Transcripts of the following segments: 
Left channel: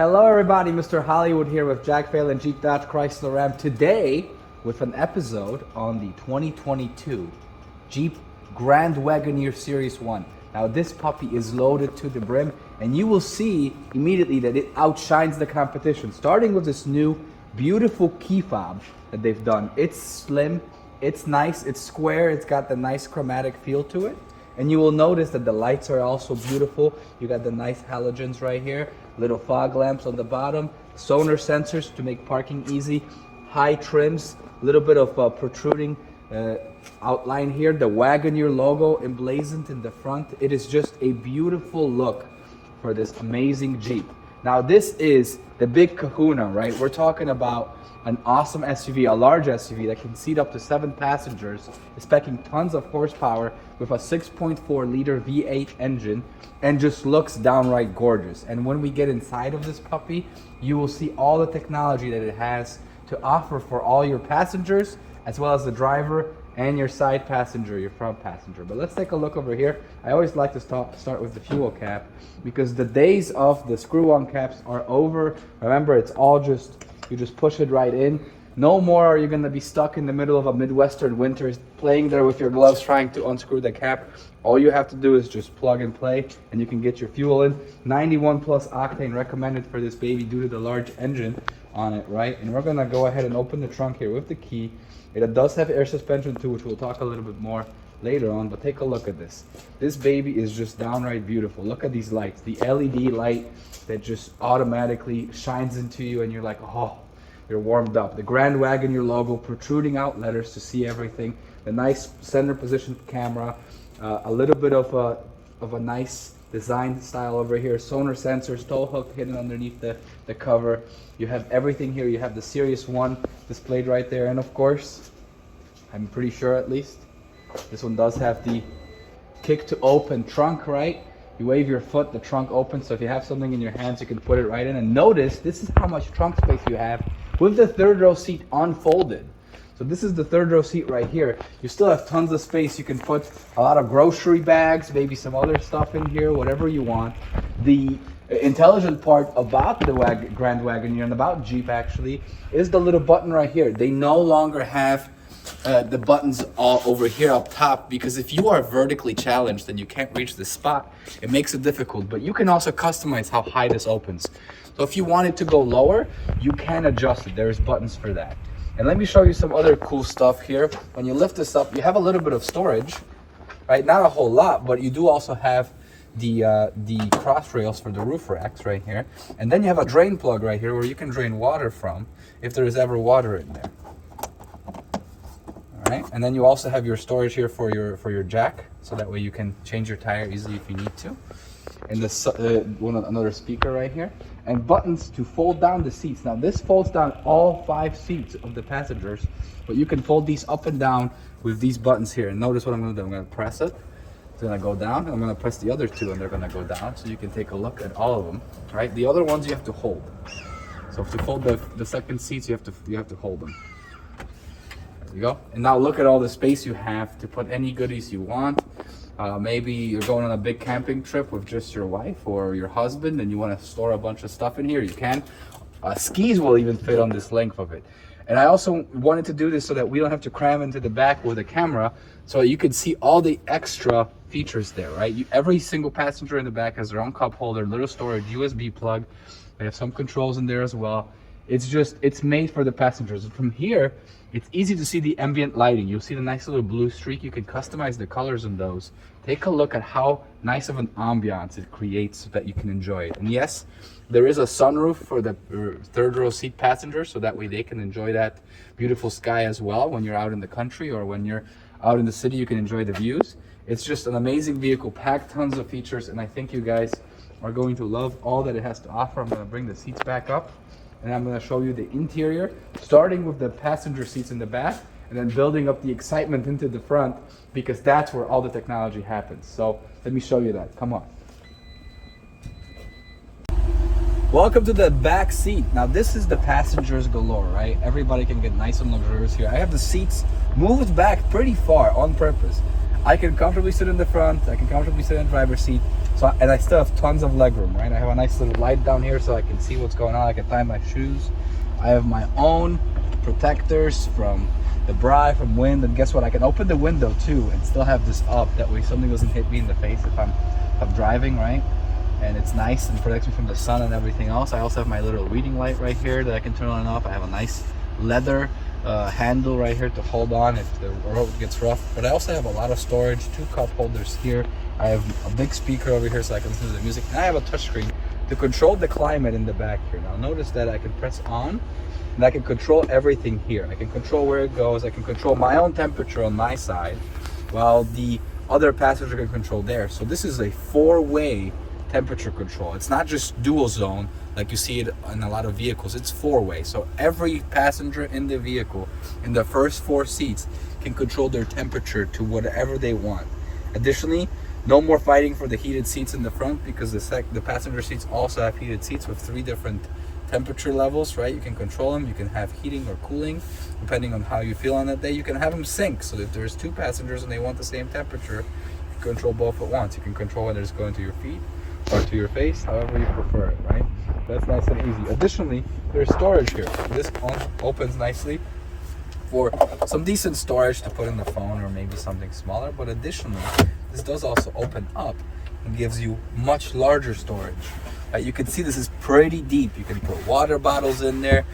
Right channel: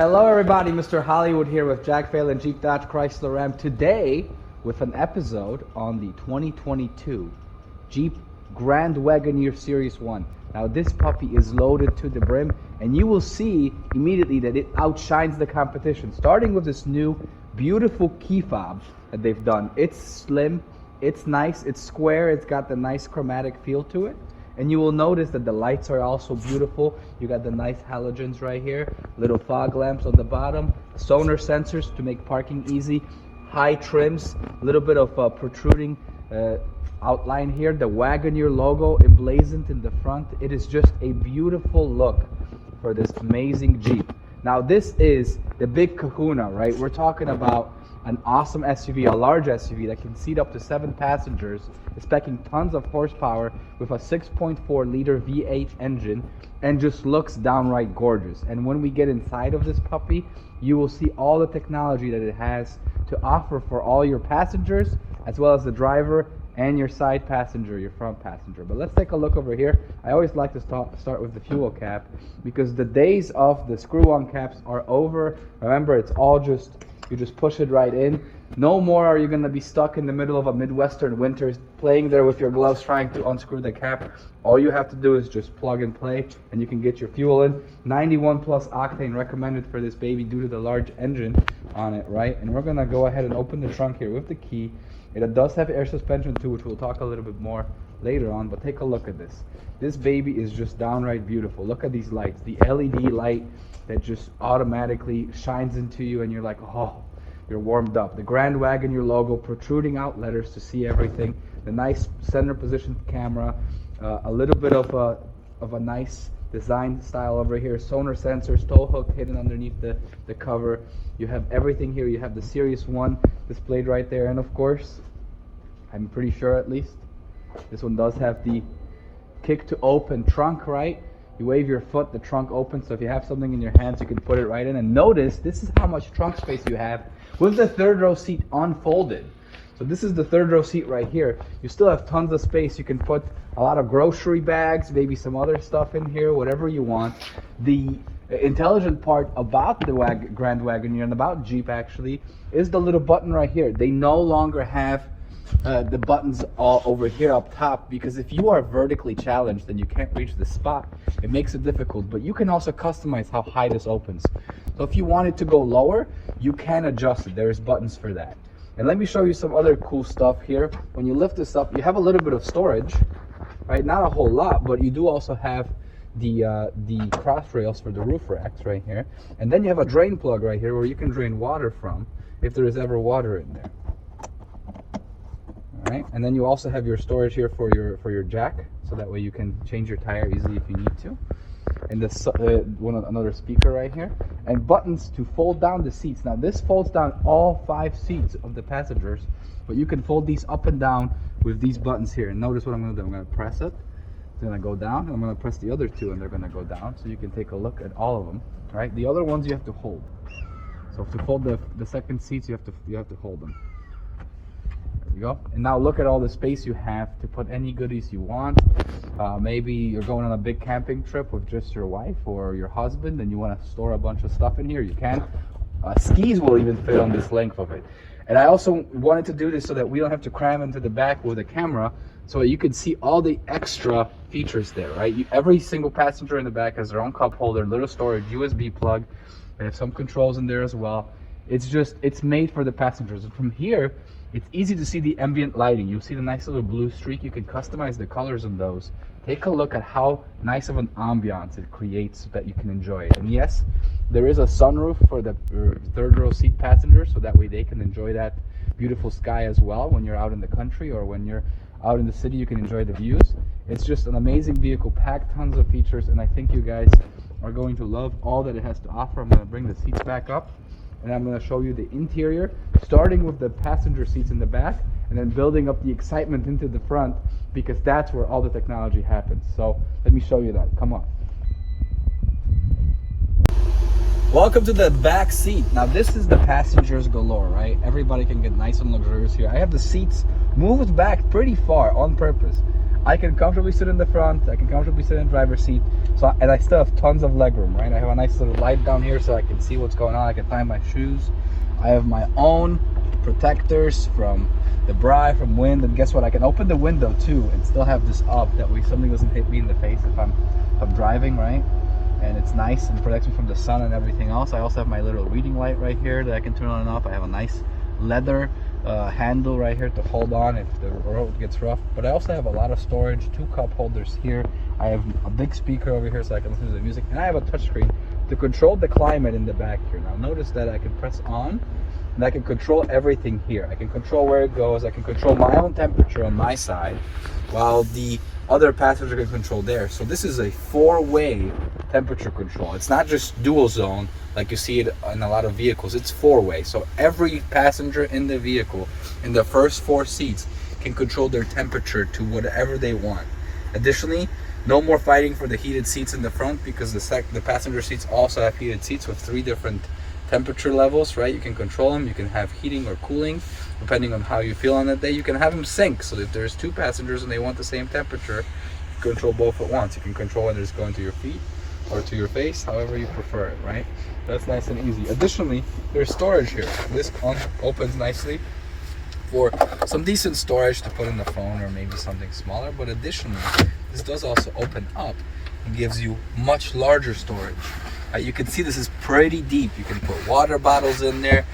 Hello everybody, Mr. Hollywood here with Jack Phelan, Jeep Dodge Chrysler Ram. Today with an episode on the 2022 Jeep Grand Wagoneer Series 1. Now this puppy is loaded to the brim and you will see immediately that it outshines the competition. Starting with this new beautiful key fob that they've done. It's slim, it's nice, it's square, it's got the nice chromatic feel to it. And you will notice that the lights are also beautiful. You got the nice halogens right here, little fog lamps on the bottom, sonar sensors to make parking easy, high trims, little bit of protruding outline here, the Wagoneer logo emblazoned in the front. It is just a beautiful look for this amazing Jeep. Now this is the big kahuna, right? We're talking about an awesome SUV, a large SUV that can seat up to 7 passengers, is packing tons of horsepower with a 6.4 liter V8 engine and just looks downright gorgeous. And when we get inside of this puppy, you will see all the technology that it has to offer for all your passengers, as well as the driver and your side passenger, your front passenger. But let's take a look over here. I always like to start with the fuel cap because the days of the screw-on caps are over. Remember, it's all just, you just push it right in. No more are you going to be stuck in the middle of a Midwestern winter playing there with your gloves trying to unscrew the cap. All you have to do is just plug and play and you can get your fuel in. 91 plus octane recommended for this baby due to the large engine on it, right? And we're going to go ahead and open the trunk here with the key. It does have air suspension too, which we'll talk a little bit more later on, but take a look at this. This baby is just downright beautiful. Look at these lights, the LED light that just automatically shines into you and you're like, oh, you're warmed up. The Grand Wagoneer logo protruding out letters to see everything. The nice center position camera, a little bit of a nice design style over here. Sonar sensors, tow hook hidden underneath the cover. You have everything here. You have the Series 1 displayed right there, and of course, I'm pretty sure at least, this one does have the kick to open trunk, right? You wave your foot, the trunk opens, so if you have something in your hands, you can put it right in. And notice, this is how much trunk space you have with the third row seat unfolded. So this is the third row seat right here. You still have tons of space. You can put a lot of grocery bags, maybe some other stuff in here, whatever you want. The intelligent part about the Grand Wagoneer and about Jeep actually is the little button right here. They no longer have the buttons all over here up top, because if you are vertically challenged and you can't reach the spot, it makes it difficult. But you can also customize how high this opens. So if you want it to go lower, you can adjust it. There's buttons for that. And let me show you some other cool stuff here. When you lift this up, you have a little bit of storage, right? Not a whole lot, but you do also have the cross rails for the roof racks right here. And then you have a drain plug right here where you can drain water from if there is ever water in there. All right, and then you also have your storage here for your jack, so that way you can change your tire easily if you need to. And this another speaker right here, and buttons to fold down the seats. Now this folds down all 5 seats of the passengers, but you can fold these up and down with these buttons here. And notice what I'm going to do. I'm going to press it. It's going to go down, and I'm going to press the other 2, and they're going to go down. So you can take a look at all of them. Right? The other ones you have to hold. So to fold the second seats, you have to hold them. There you go. And now look at all the space you have to put any goodies you want. Maybe you're going on a big camping trip with just your wife or your husband and you want to store a bunch of stuff in here, you can. Skis will even fit on this length of it. And I also wanted to do this so that we don't have to cram into the back with a camera, so you can see all the extra features there, right? Every single passenger in the back has their own cup holder, little storage, USB plug. They have some controls in there as well. It's made for the passengers. And from here, it's easy to see the ambient lighting. You'll see the nice little blue streak. You can customize the colors on those. Take a look at how nice of an ambiance it creates so that you can enjoy it. And yes, there is a sunroof for the third row seat passengers, so that way they can enjoy that beautiful sky as well. When you're out in the country or when you're out in the city, you can enjoy the views. It's just an amazing vehicle, packed tons of features, and I think you guys are going to love all that it has to offer. I'm going to bring the seats back up, and I'm going to show you the interior, starting with the passenger seats in the back and then building up the excitement into the front, because that's where all the technology happens. So let me show you that. Come on. Welcome to the back seat. Now this is the passengers galore, right? Everybody can get nice and luxurious here. I have the seats moved back pretty far on purpose. I can comfortably sit in the front, I can comfortably sit in the driver's seat, So, and I still have tons of legroom, right? I have a nice little light down here so I can see what's going on. I can tie my shoes. I have my own protectors from the bri, from wind, and guess what? I can open the window too and still have this up. That way something doesn't hit me in the face if I'm driving, right? And it's nice and protects me from the sun and everything else. I also have my little reading light right here that I can turn on and off. I have a nice leather handle right here to hold on if the road gets rough. But I also have a lot of storage, 2 cup holders here. I have a big speaker over here so I can listen to the music, and I have a touchscreen to control the climate in the back here. Now notice that I can press on and I can control everything here. I can control where it goes. I can control my own temperature on my side while the other passenger can control theirs. So this is a 4-way temperature control. It's not just dual zone like you see it in a lot of vehicles. It's 4-way. So every passenger in the vehicle in the first 4 seats can control their temperature to whatever they want. Additionally, no more fighting for the heated seats in the front, because the passenger seats also have heated seats with 3 different temperature levels, right? You can control them. You can have heating or cooling depending on how you feel on that day. You can have them sync, so if there's 2 passengers and they want the same temperature, you can control both at once. You can control whether it's going to your feet or to your face, however you prefer it, right? That's nice and easy. Additionally, there's storage here. This one opens nicely for some decent storage to put in the phone or maybe something smaller. But additionally, this does also open up and gives you much larger storage. You can see this is pretty deep. You can put water bottles in there,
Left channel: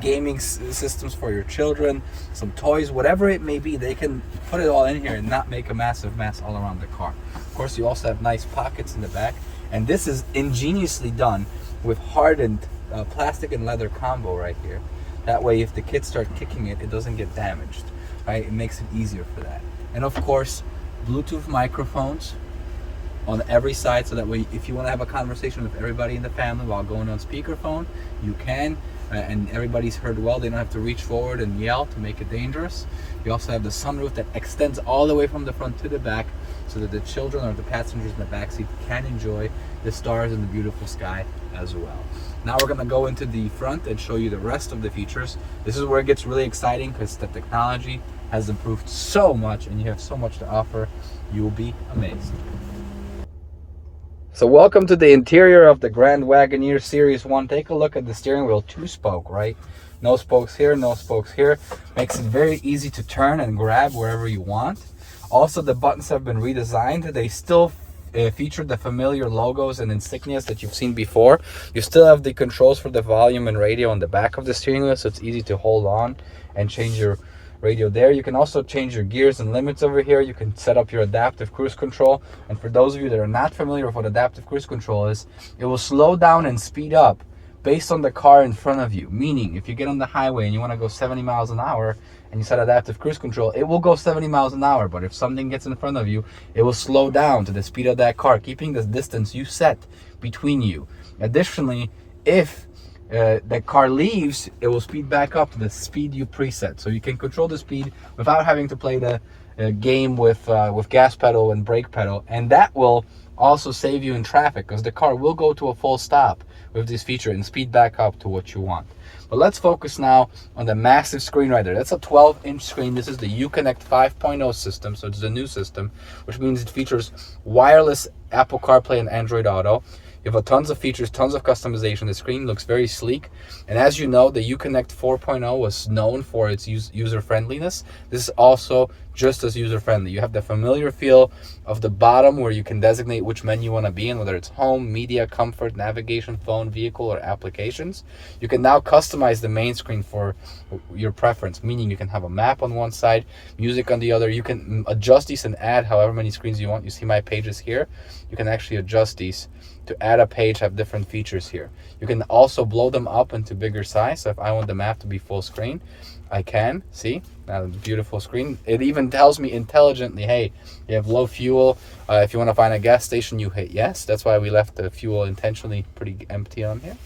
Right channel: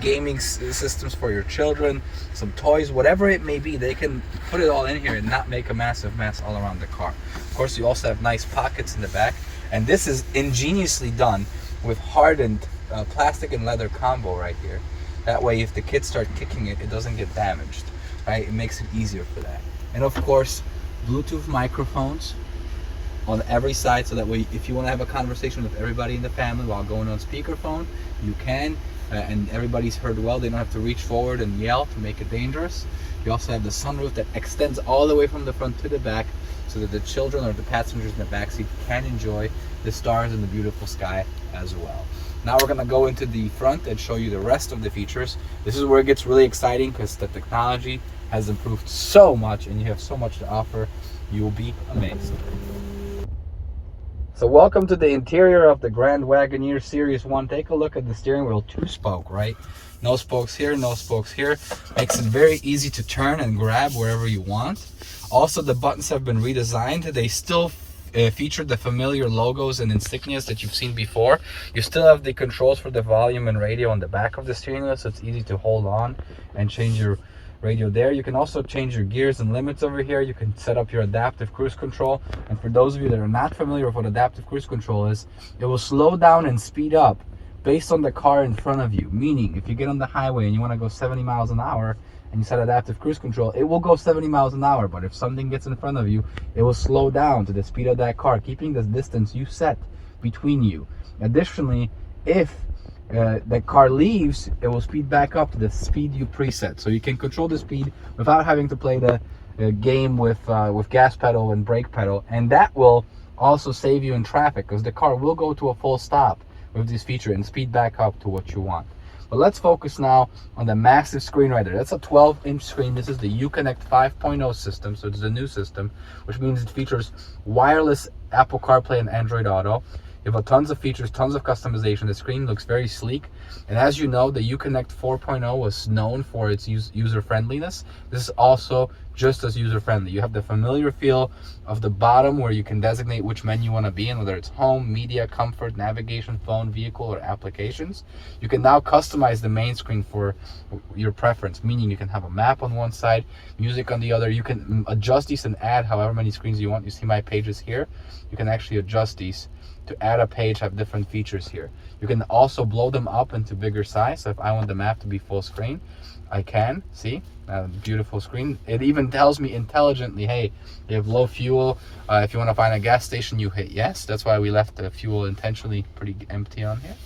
gaming systems for your children, some toys, whatever it may be. They can put it all in here and not make a massive mess all around the car. Of course, you also have nice pockets in the back, and this is ingeniously done with hardened plastic and leather combo right here. That way, if the kids start kicking it, it doesn't get damaged, right? It makes it easier for that. And of course, Bluetooth microphones on every side, so that way if you want to have a conversation with everybody in the family while going on speakerphone, you can, and everybody's heard well. They don't have to reach forward and yell to make it dangerous. You also have the sunroof that extends all the way from the front to the back, so that the children or the passengers in the back seat can enjoy the stars and the beautiful sky as well. Now we're gonna go into the front and show you the rest of the features. This is where it gets really exciting, because the technology has improved so much and you have so much to offer. You'll be amazed. So welcome to the interior of the Grand Wagoneer Series 1. Take a look at the steering wheel, 2-spoke, right? No spokes here, no spokes here. Makes it very easy to turn and grab wherever you want. Also, the buttons have been redesigned. They still feature the familiar logos and insignias that you've seen before. You still have the controls for the volume and radio on the back of the steering wheel, so it's easy to hold on and change your radio there. You can also change your gears and limits over here. You can set up your adaptive cruise control. And for those of you that are not familiar with what adaptive cruise control is, it will slow down and speed up based on the car in front of you. Meaning, if you get on the highway and you want to go 70 miles an hour and you set adaptive cruise control, it will go 70 miles an hour. But if something gets in front of you, it will slow down to the speed of that car, keeping the distance you set between you. Additionally, if the car leaves, it will speed back up to the speed you preset. So you can control the speed without having to play the game with gas pedal and brake pedal. And that will also save you in traffic, because the car will go to a full stop with this feature and speed back up to what you want. But let's focus now on the massive screen right there. That's a 12-inch screen. This is the Uconnect 5.0 system, so it's the new system, which means it features wireless Apple CarPlay and Android Auto. You have tons of features, tons of customization. The screen looks very sleek. And as you know, the Uconnect 4.0 was known for its user-friendliness. This is also just as user-friendly. You have the familiar feel of the bottom where you can designate which menu you want to be in, whether it's home, media, comfort, navigation, phone, vehicle, or applications. You can now customize the main screen for your preference, meaning you can have a map on one side, music on the other. You can adjust these and add however many screens you want. You see my pages here. You can actually adjust these to add a page, have different features here. You can also blow them up into bigger size. So if I want the map to be full screen, I can. See, now beautiful screen. It even tells me intelligently, hey, you have low fuel. If you want to find a gas station, you hit yes. That's why we left the fuel intentionally pretty empty on here.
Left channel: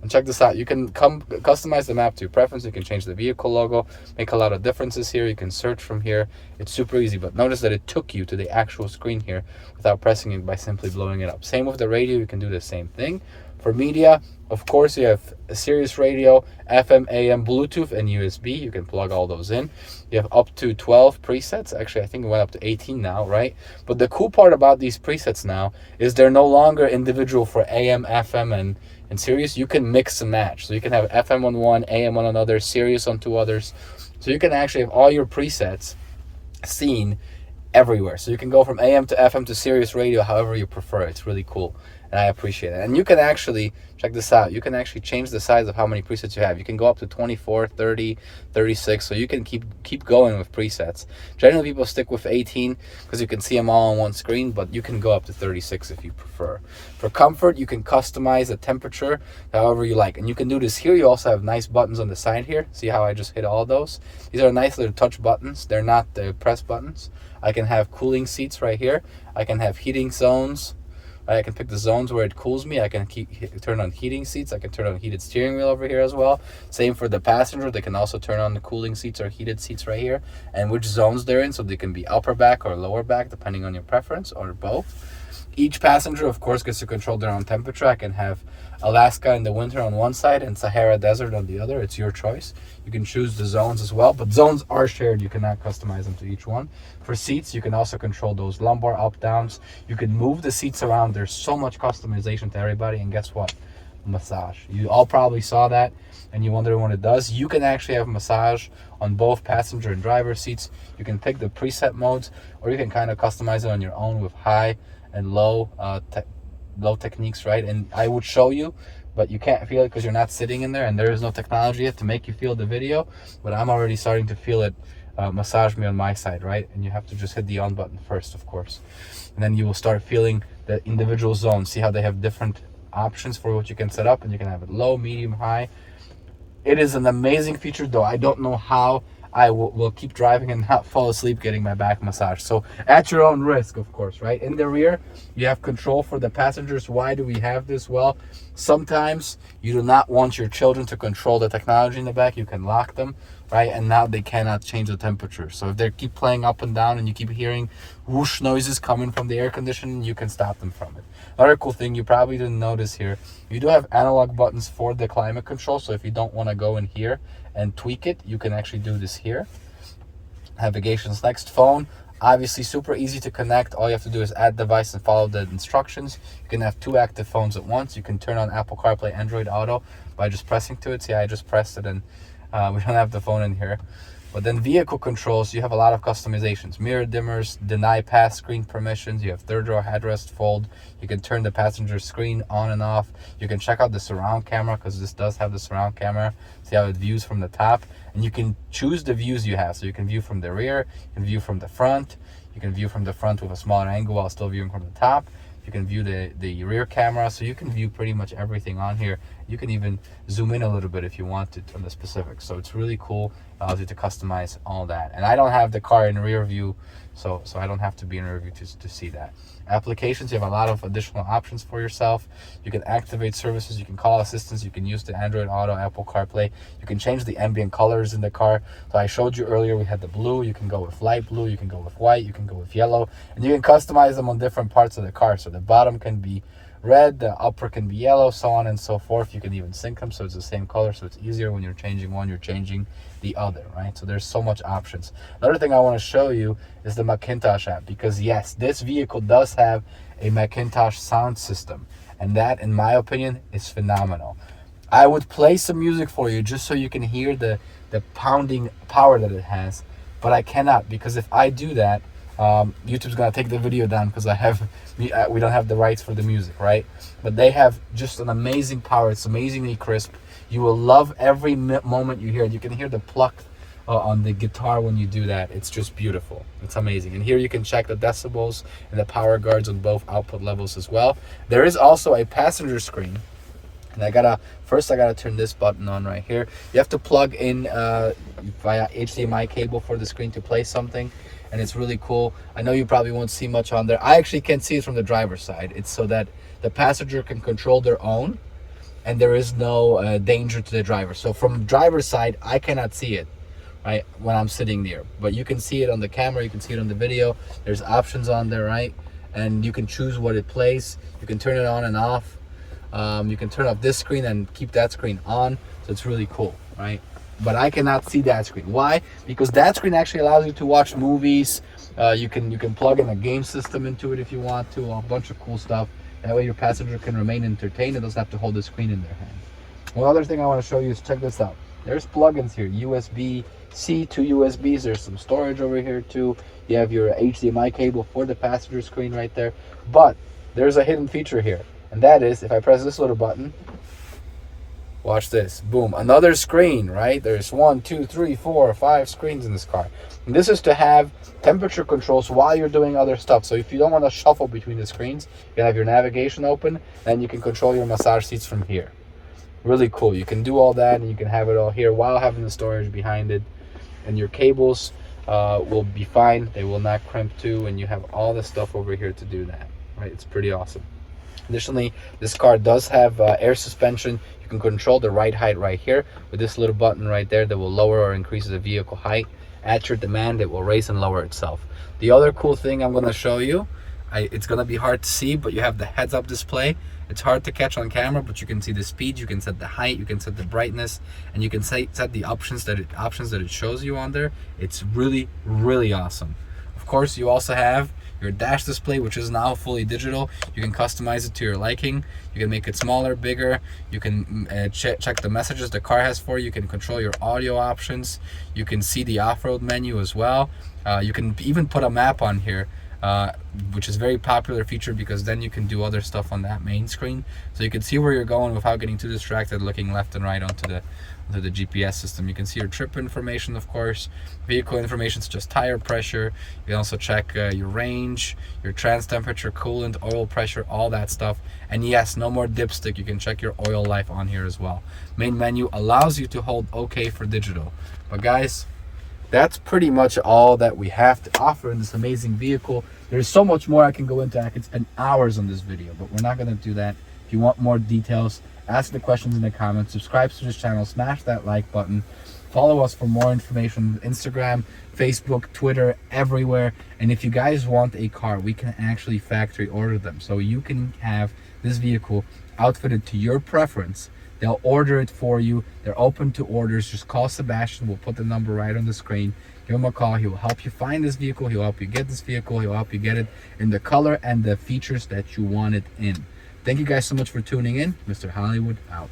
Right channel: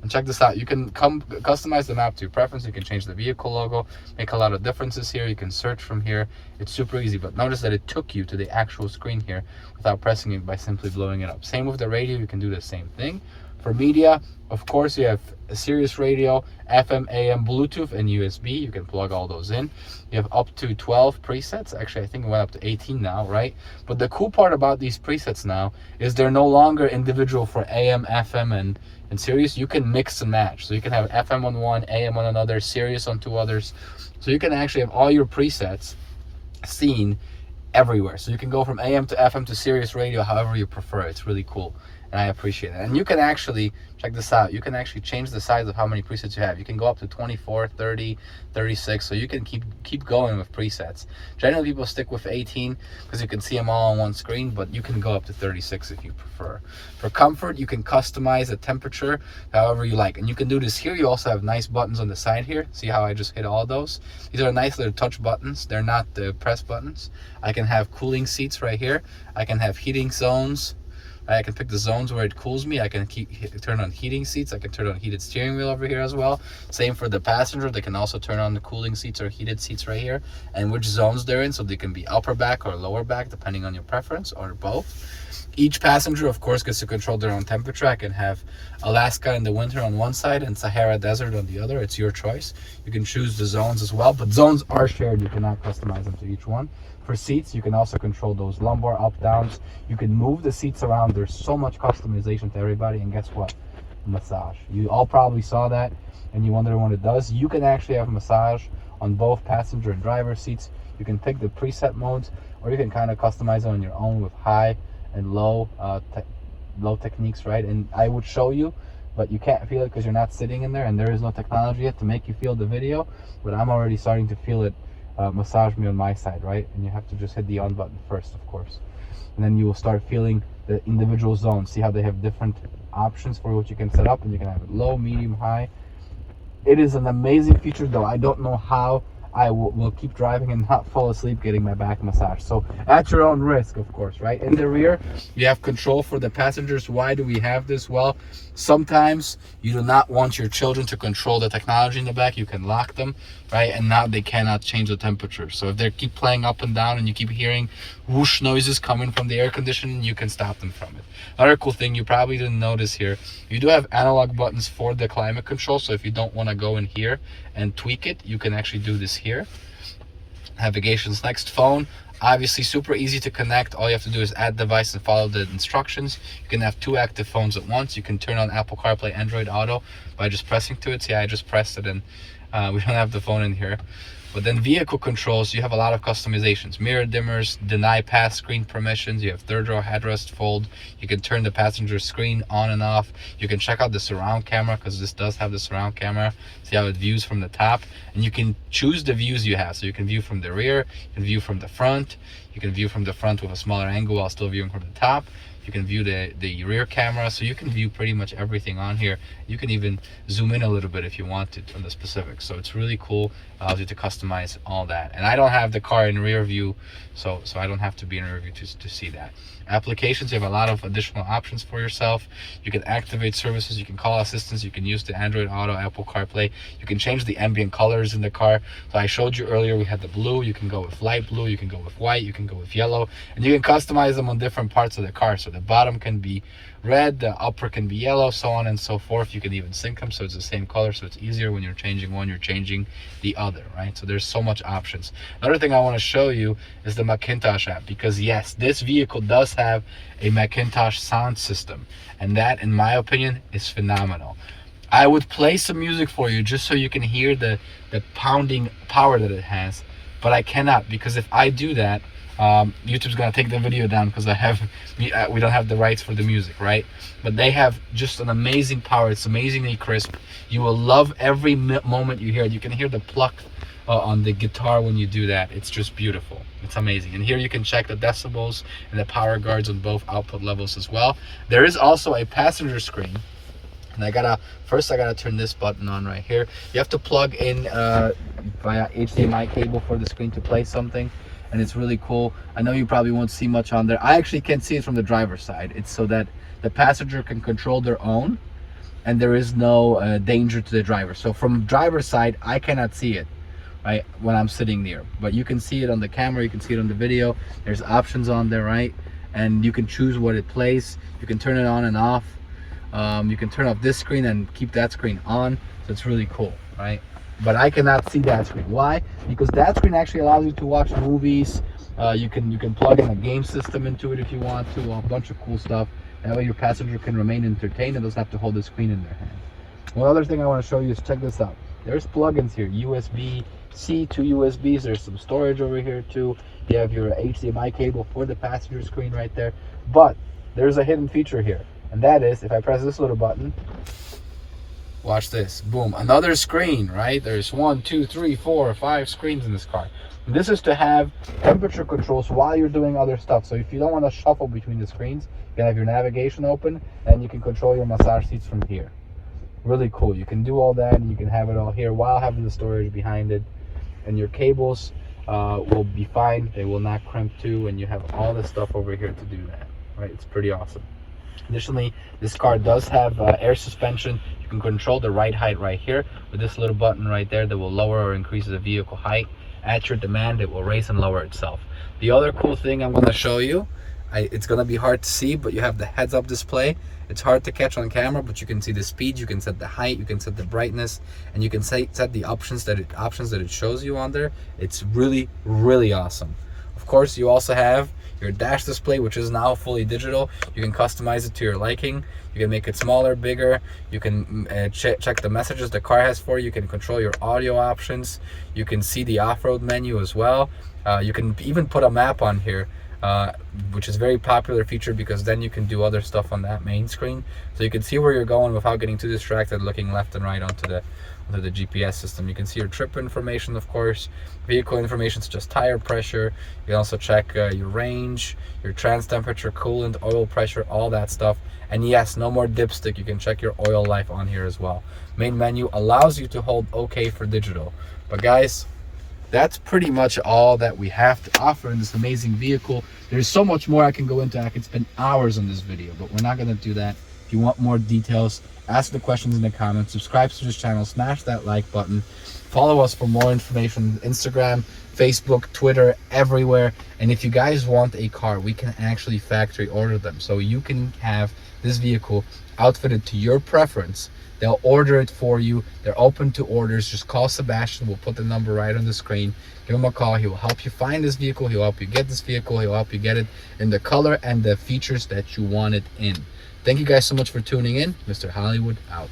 And check this out. You can customize the map to your preference. You can change the vehicle logo, make a lot of differences here. You can search from here. It's super easy, but notice that it took you to the actual screen here without pressing it by simply blowing it up. Same with the radio. You can do the same thing. For media, of course, you have a Sirius radio, FM, AM, Bluetooth, and USB. You can plug all those in. You have up to 12 presets. Actually, I think it went up to 18 now, right? But the cool part about these presets now is they're no longer individual for AM, FM, and Sirius. You can mix and match. So you can have FM on one, AM on another, Sirius on two others. So you can actually have all your presets seen everywhere. So you can go from AM to FM to Sirius radio however you prefer. It's really cool, and I appreciate it. And you can actually, check this out, you can actually change the size of how many presets you have. You can go up to 24, 30, 36, so you can keep going with presets. Generally people stick with 18 because you can see them all on one screen, but you can go up to 36 if you prefer. For comfort, you can customize the temperature however you like, and you can do this here. You also have nice buttons on the side here. See how I just hit all those? These are nice little touch buttons. They're not the press buttons. I can have cooling seats right here. I can have heating zones. I can pick the zones where it cools me. I can turn on heating seats. I can turn on heated steering wheel over here as well. Same for the passenger. They can also turn on the cooling seats or heated seats right here, and which zones they're in. So they can be upper back or lower back, depending on your preference, or both. Each passenger, of course, gets to control their own temperature. I can have Alaska in the winter on one side and Sahara Desert on the other. It's your choice. You can choose the zones as well, but zones are shared. You cannot customize them to each one. For seats, you can also control those lumbar up downs. You can move the seats around. There's so much customization to everybody, and guess what? Massage. You all probably saw that and you wonder what it does. You can actually have massage on both passenger and driver seats. You can pick the preset modes, or you can kind of customize it on your own with high and low techniques, right? And I would show you, but you can't feel it because you're not sitting in there, and there is no technology yet to make you feel the video, but I'm already starting to feel it massage me on my side, right? And you have to just hit the on button first, of course, and then you will start feeling the individual zones. See how they have different options for what you can set up, and you can have it low, medium, high. It is an amazing feature, though I don't know how I will keep driving and not fall asleep getting my back massage. So at your own risk, of course, right? In the rear, you have control for the passengers. Why do we have this? Well, sometimes you do not want your children to control the technology in the back. You can lock them, right? And now they cannot change the temperature. So if they keep playing up and down and you keep hearing whoosh noises coming from the air conditioning, you can stop them from it. Another cool thing you probably didn't notice here, you do have analog buttons for the climate control. So if you don't want to go in here and tweak it, you can actually do this here. Navigation's next. Phone, obviously super easy to connect. All you have to do is add device and follow the instructions. You can have two active phones at once. You can turn on Apple CarPlay, Android Auto by just pressing to it. See, I just pressed it, and we don't have the phone in here. But then vehicle controls, you have a lot of customizations. Mirror dimmers, deny pass screen permissions. You have third row headrest fold. You can turn the passenger screen on and off. You can check out the surround camera, because this does have the surround camera. See how it views from the top. And you can choose the views you have. So you can view from the rear, you can view from the front. You can view from the front with a smaller angle while still viewing from the top. You can view the rear camera, so you can view pretty much everything on here. You can even zoom in a little bit if you want to on the specifics. So it's really cool, allows you to customize all that. And I don't have the car in rear view, so I don't have to be in rear view to see that. Applications, you have a lot of additional options for yourself. You can activate services, you can call assistants, you can use the Android Auto, Apple CarPlay. You can change the ambient colors in the car. So I showed you earlier, we had the blue. You can go with light blue, you can go with white, you can go with yellow, and you can customize them on different parts of the car. So the bottom can be red, the upper can be yellow, so on and so forth. You can even sync them so it's the same color, so it's easier when you're changing one, you're changing the other, right? So there's so much options. Another thing I want to show you is the Macintosh app, because yes, this vehicle does have a Macintosh sound system, and that, in my opinion, is phenomenal. I would play some music for you just so you can hear the pounding power that it has, but I cannot, because if I do that, YouTube's gonna take the video down because we don't have the rights for the music, right? But they have just an amazing power. It's amazingly crisp. You will love every moment you hear it. You can hear the pluck on the guitar when you do that. It's just beautiful. It's amazing. And here you can check the decibels and the power guards on both output levels as well. There is also a passenger screen, and first I gotta turn this button on right here. You have to plug in via HDMI cable for the screen to play something, and it's really cool. I know you probably won't see much on there. I actually can't see it from the driver's side. It's so that the passenger can control their own, and there is no danger to the driver. So from driver's side, I cannot see it, right, when I'm sitting there. But you can see it on the camera, you can see it on the video. There's options on there, right? And you can choose what it plays. You can turn it on and off. You can turn off this screen and keep that screen on, so it's really cool, right? But I cannot see that screen. Why? Because that screen actually allows you to watch movies. You can plug in a game system into it if you want to, a bunch of cool stuff. That way your passenger can remain entertained and doesn't have to hold the screen in their hand. One other thing I want to show you is, check this out. There's plugins here, USB-C to USBs. There's some storage over here too. You have your HDMI cable for the passenger screen right there. But there's a hidden feature here, and that is if I press this little button, watch this, boom, another screen, right? There's 1, 2, 3, 4, 5 screens in this car. And this is to have temperature controls while you're doing other stuff. So if you don't want to shuffle between the screens, you have your navigation open and you can control your massage seats from here. Really cool. You can do all that and you can have it all here while having the storage behind it. And your cables will be fine. They will not crimp too, and you have all the stuff over here to do that, right? It's pretty awesome. Additionally, this car does have air suspension. You can control the ride height right here with this little button right there that will lower or increase the vehicle height. At your demand, it will raise and lower itself. The other cool thing I'm going to show you, it's going to be hard to see, but you have the heads-up display. It's hard to catch on camera, but you can see the speed, you can set the height, you can set the brightness, and you can set the options that it shows you on there. It's really, really awesome. Of course, you also have your dash display, which is now fully digital. You can customize it to your liking. You can make it smaller, bigger. You can check the messages the car has for you. You can control your audio options. You can see the off-road menu as well. You can even put a map on here, which is a very popular feature because then you can do other stuff on that main screen. So you can see where you're going without getting too distracted looking left and right onto the GPS system. You can see your trip information, of course, vehicle information such as tire pressure. You can also check your range, your trans temperature, coolant, oil pressure, all that stuff. And yes, no more dipstick. You can check your oil life on here as well. Main menu allows you to hold OK for digital. But guys, that's pretty much all that we have to offer in this amazing vehicle. There's so much more I can go into. I could spend hours on this video, but we're not going to do that. If you want more details, ask the questions in the comments, subscribe to this channel, smash that like button, follow us for more information, Instagram, Facebook, Twitter, everywhere. And if you guys want a car, we can actually factory order them. So you can have this vehicle outfitted to your preference. They'll order it for you. They're open to orders. Just call Sebastian. We'll put the number right on the screen. Give him a call. He will help you find this vehicle. He'll help you get this vehicle. He'll help you get it in the color and the features that you want it in. Thank you guys so much for tuning in. Mr. Hollywood out.